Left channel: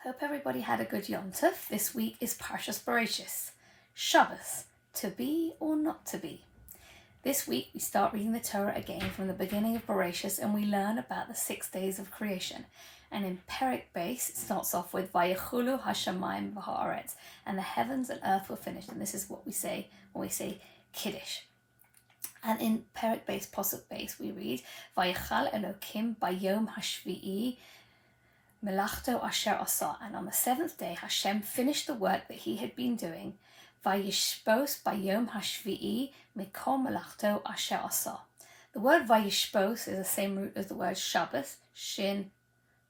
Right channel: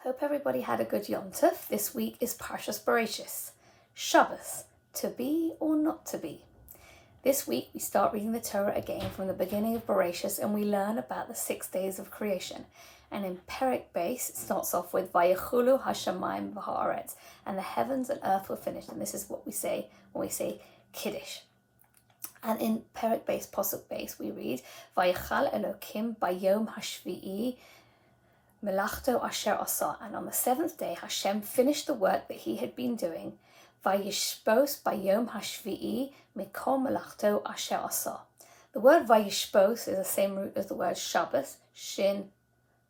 Hope everybody had a good Yom Tov. This week is Parshas Bereishis, Shabbos, to be or not to be. This week we start reading the Torah again from the beginning of Bereishis, and we learn about the 6 days of creation. And in Bereishis it starts off with Vayechulu Hashamayim v'haaretz, and the heavens and earth were finished. And this is what we say when we say Kiddush. And in Bereishis, Pasuk Beis, we read Vayechal Elokim bayom hashvi'i Melachto asher asa, and on the 7th day Hashem finished the work that he had been doing. Vayishpos bayom hashvi'i mikol melachto asher asa. The word vayishpos is the same root as the word Shabbos, shin,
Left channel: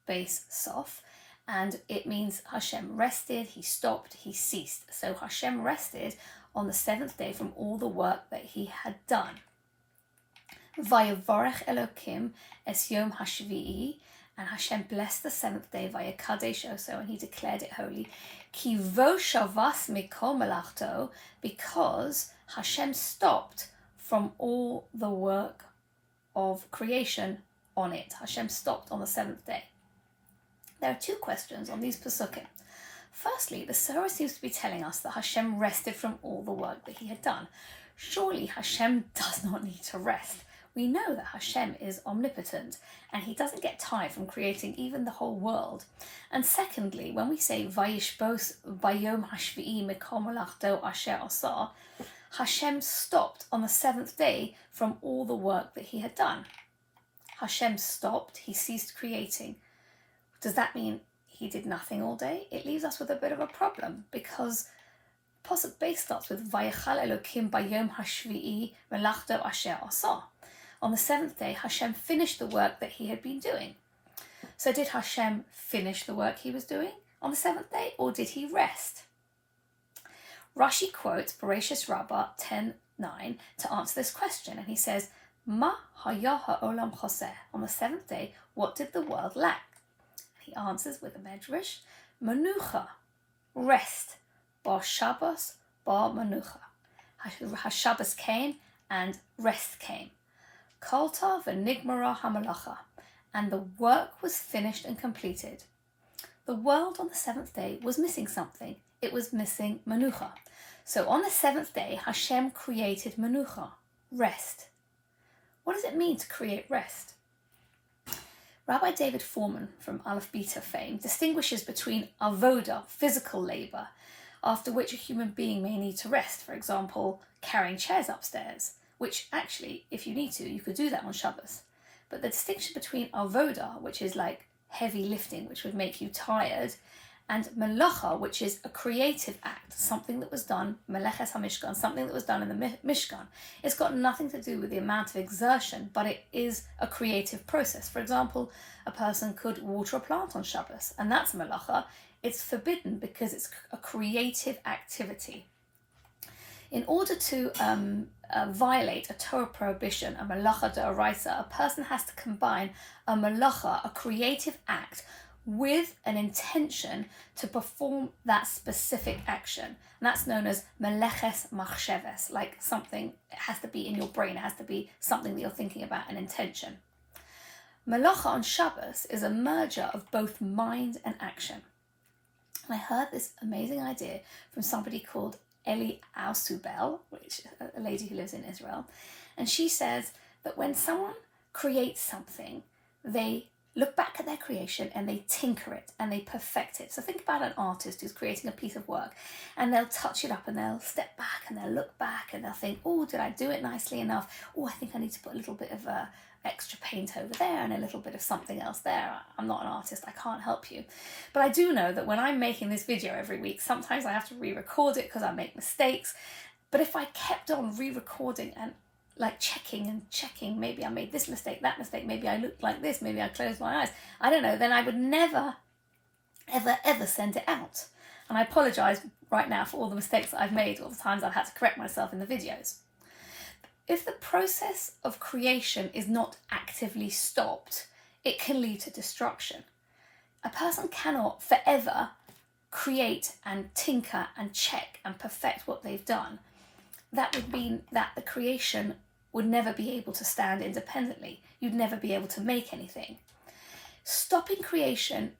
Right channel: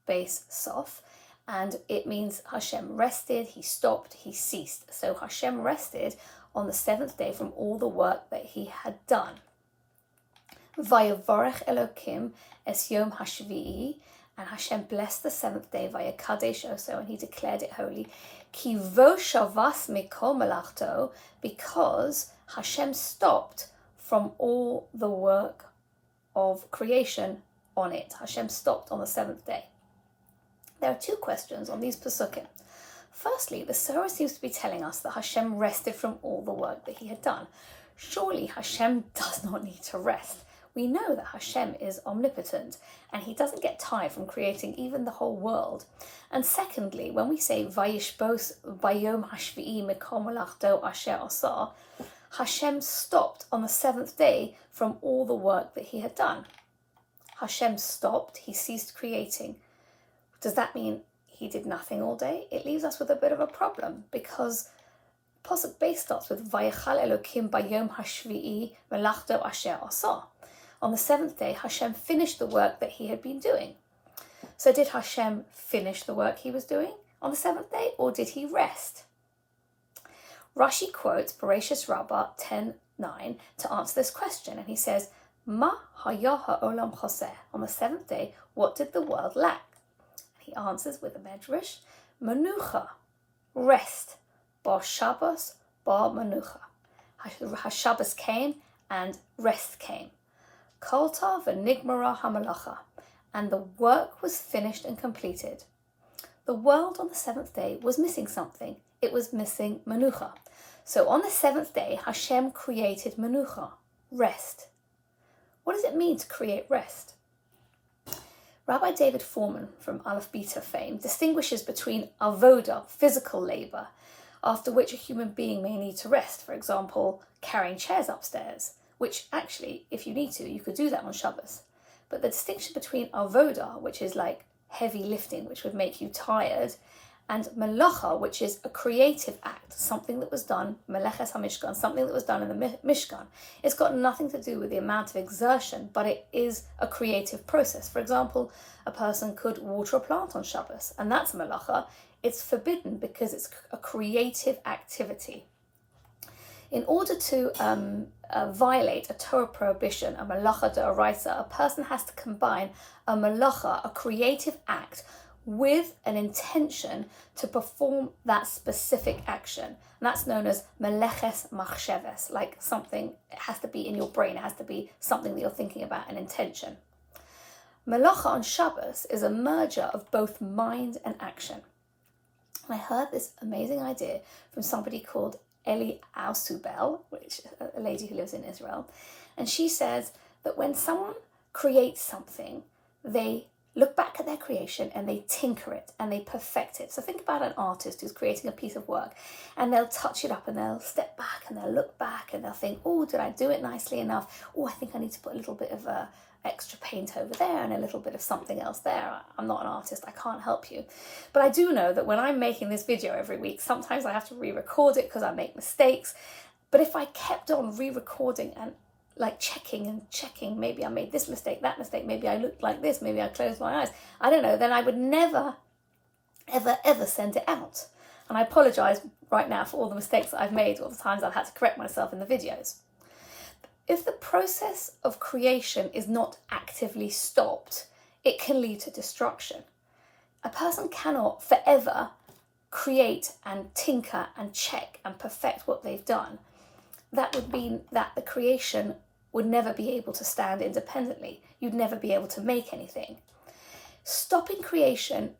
base, sof, and it means Hashem rested, he stopped, he ceased. So Hashem rested on the 7th day from all the work that he had done. Vayavorech Elokim es yom hashvi'i, and Hashem blessed the 7th day via Kadesh Oso, and he declared it holy. Ki vo shavas mikol melachto, because Hashem stopped from all the work of creation on it. Hashem stopped on the 7th day. There are 2 questions on these Pesukim. Firstly, the Surah seems to be telling us that Hashem rested from all the work that he had done. Surely Hashem does not need to rest. We know that Hashem is omnipotent and he doesn't get tired from creating even the whole world. And secondly, when we say Vayishbos bayom hashvi'i mikol melachto asher asa, Hashem stopped on the 7th day from all the work that he had done. Hashem stopped, he ceased creating. Does that mean he did nothing all day? It leaves us with a bit of a problem, because Pasuk Beis starts with Vayechal Elokim bayom hashvi'i melachto asher asa. On the 7th day, Hashem finished the work that he had been doing. So did Hashem finish the work he was doing on the 7th day, or did he rest? Rashi quotes Bereishis Rabbah 10:9 to answer this question, and he says, Ma haya ha'olam choseh. On the 7th day, what did the world lack? He answers with a medrash, Manucha, rest, bar Shabbos, bar Manucha. Shabbos came and rest came. Kolta v'nigmara hamalacha, and the work was finished and completed. The world on the 7th day was missing something. It was missing Manucha. So on the 7th day, Hashem created Manucha, rest. What does it mean to create rest? Rabbi David Foreman from Aleph Beta fame distinguishes between avoda, physical labor, after which a human being may need to rest. For example, carrying chairs upstairs, which actually, if you need to, you could do that on Shabbos. But the distinction between avoda, which is like heavy lifting, which would make you tired, and melacha, which is a creative act, something that was done, meleches hamishkan, something that was done in the mishkan. It's got nothing to do with the amount of exertion, but it is a creative process. For example, a person could water a plant on Shabbos, and that's melacha. It's forbidden because it's a creative activity. In order to violate a Torah prohibition, a melacha d'oraisa, a person has to combine a melacha, a creative act, with an intention to perform that specific action. And that's known as meleches machsheves, like something, it has to be in your brain, it has to be something that you're thinking about, an intention. Melacha on Shabbos is a merger of both mind and action. And I heard this amazing idea from somebody called Eli Ausubel, which is a lady who lives in Israel. And she says that when someone creates something, they look back at their creation and they tinker it and they perfect it. So think about an artist who's creating a piece of work, and they'll touch it up and they'll step back and they'll look back and they'll think, oh, did I do it nicely enough? Oh, I think I need to put a little bit of extra paint over there and a little bit of something else there. I'm not an artist, I can't help you. But I do know that when I'm making this video every week, sometimes I have to re-record it because I make mistakes. But if I kept on re-recording and like checking, maybe I made this mistake, that mistake, maybe I looked like this, maybe I closed my eyes, I don't know, then I would never, ever send it out. And I apologise right now for all the mistakes that I've made, all the times I've had to correct myself in the videos. If the process of creation is not actively stopped, it can lead to destruction. A person cannot forever create and tinker and check and perfect what they've done. That would mean that the creation would never be able to stand independently. You'd never be able to make anything. Stopping creation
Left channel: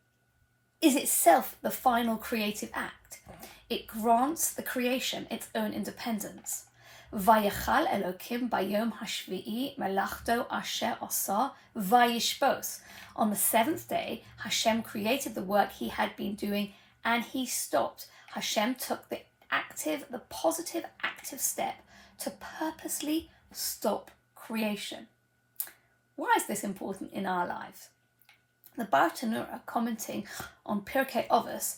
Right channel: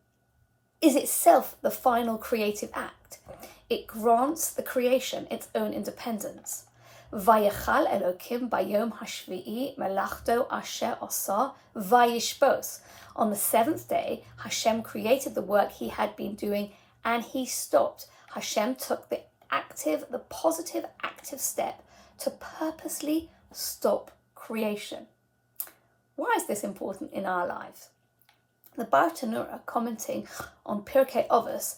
is itself the final creative act. It grants the creation its own independence. Vayachal Elokim bayom hashvi'i melachto asher asa vayishbos. On the seventh day, Hashem created the work he had been doing and he stopped. Hashem took the positive active step to purposely stop creation. Why is this important in our lives? The Bartanura, commenting on Pirkei Avos,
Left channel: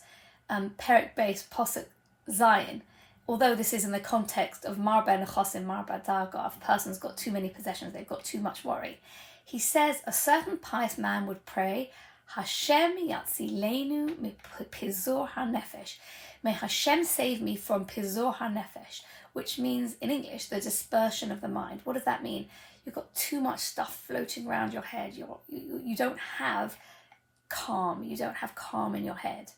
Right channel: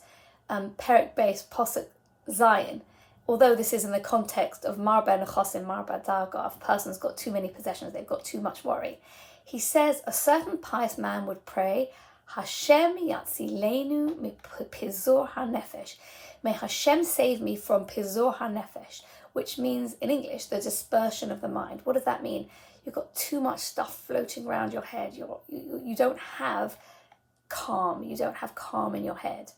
Perek Beis Posuk Zion, although this is in the context of Marba Nechosim, Marba Darga, if a person's got too many possessions, they've got too much worry. He says a certain pious man would pray, Hashem yatzilenu mipizur hanefesh. May Hashem save me from pizur hanefesh, which means in English the dispersion of the mind. What does that mean? You've got too much stuff floating around your head. You don't have calm. You don't have calm in your head.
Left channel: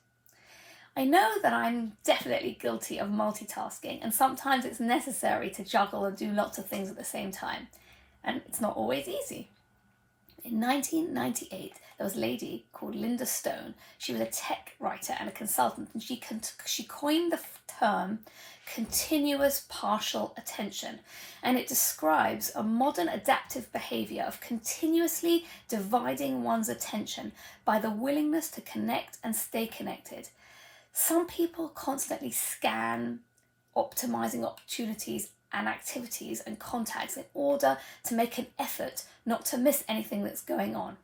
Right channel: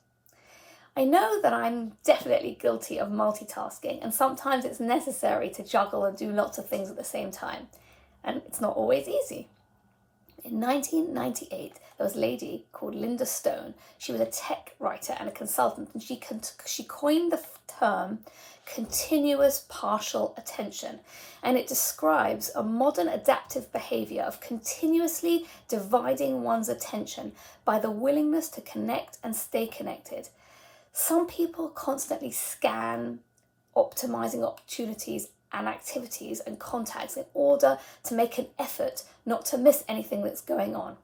I know that I'm definitely guilty of multitasking, and sometimes it's necessary to juggle and do lots of things at the same time, and it's not always easy. In 1998, there was a lady called Linda Stone. She was a tech writer and a consultant, and she coined the term continuous partial attention, and it describes a modern adaptive behavior of continuously dividing one's attention by the willingness to connect and stay connected. Some people constantly scan, optimizing opportunities and activities and contacts in order to make an effort not to miss anything that's going on.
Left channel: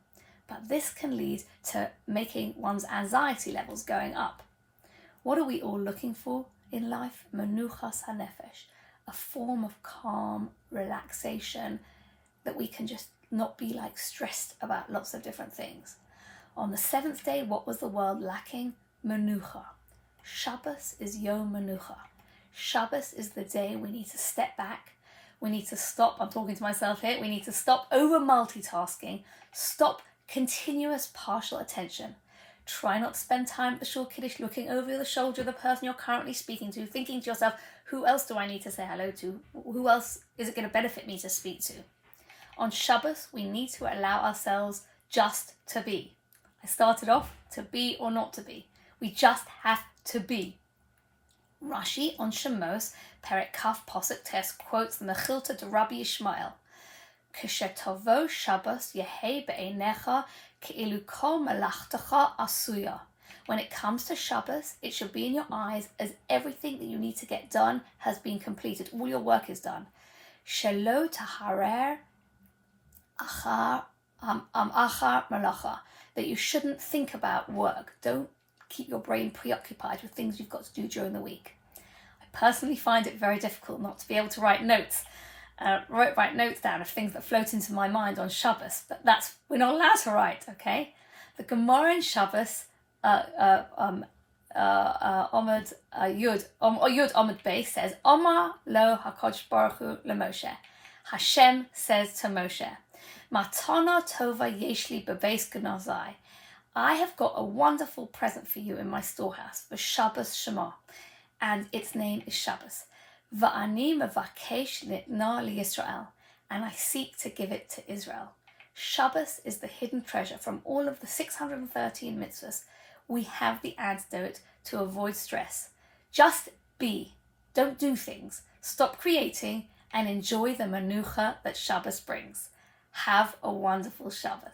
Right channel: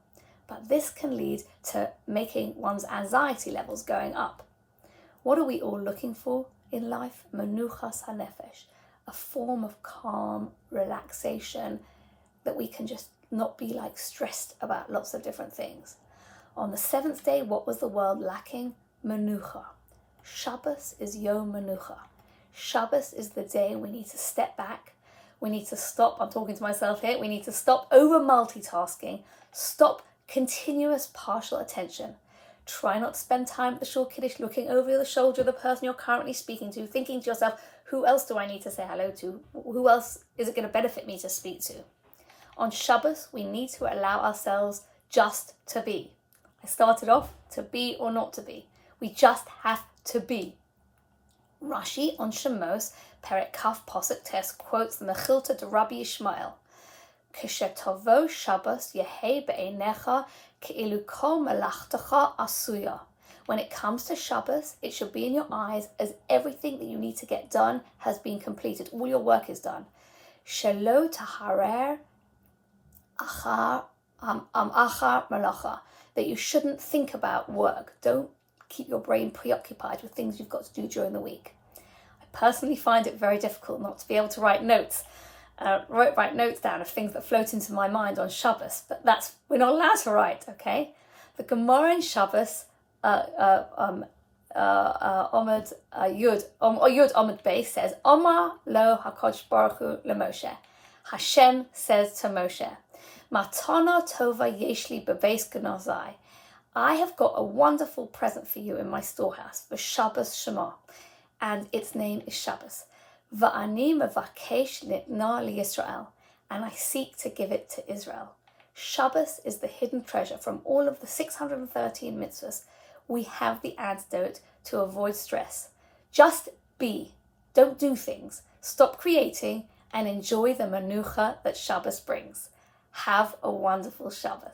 But this can lead to making one's anxiety levels going up. What are we all looking for in life? Menuchas hanefesh, a form of calm, relaxation, that we can just not be like stressed about lots of different things. On the seventh day, what was the world lacking? Menucha. Shabbos is Yom Menucha. Shabbos is the day we need to step back. We need to stop, I'm talking to myself here, we need to stop over multitasking, stop continuous partial attention. Try not to spend time at the Shul Kiddush looking over the shoulder of the person you're currently speaking to, thinking to yourself, who else do I need to say hello to? Who else is it going to benefit me to speak to? On Shabbos, we need to allow ourselves just to be. I started off to be or not to be. We just have to be. Rashi on Shemos, Perek Kaf Posuk Tes, quotes the Mechilta de Rabbi Yishmael. K'shetavo Shabbos yehei be'einecha ke'ilu kol melachtecha asuya. When it comes to Shabbos, it should be in your eyes as everything that you need to get done has been completed. All your work is done. Shelo taharer achar malacha. That you shouldn't think about work. Don't keep your brain preoccupied with things you've got to do during the week. I personally find it very difficult not to be able to write notes. Write notes down of things that float into my mind on Shabbos, but we're not allowed to write, okay? The Gemara in Shabbos, Omid Yud Omid Beis says, Omar lo HaKadosh Baruch Hu leMoshe. Hashem says to Moshe, Matana tova yeshli bebeis gnazai. I have got a wonderful present for you in my storehouse, for Shabbos Shema, and its name is Shabbos. Va'ani mevakesh nitna liYisrael, and I seek to give it to Israel. Shabbos is the hidden treasure from all of the 613 mitzvahs. We have the antidote to avoid stress. Just be. Don't do things. Stop creating and enjoy the menucha that Shabbos brings. Have a wonderful Shabbos.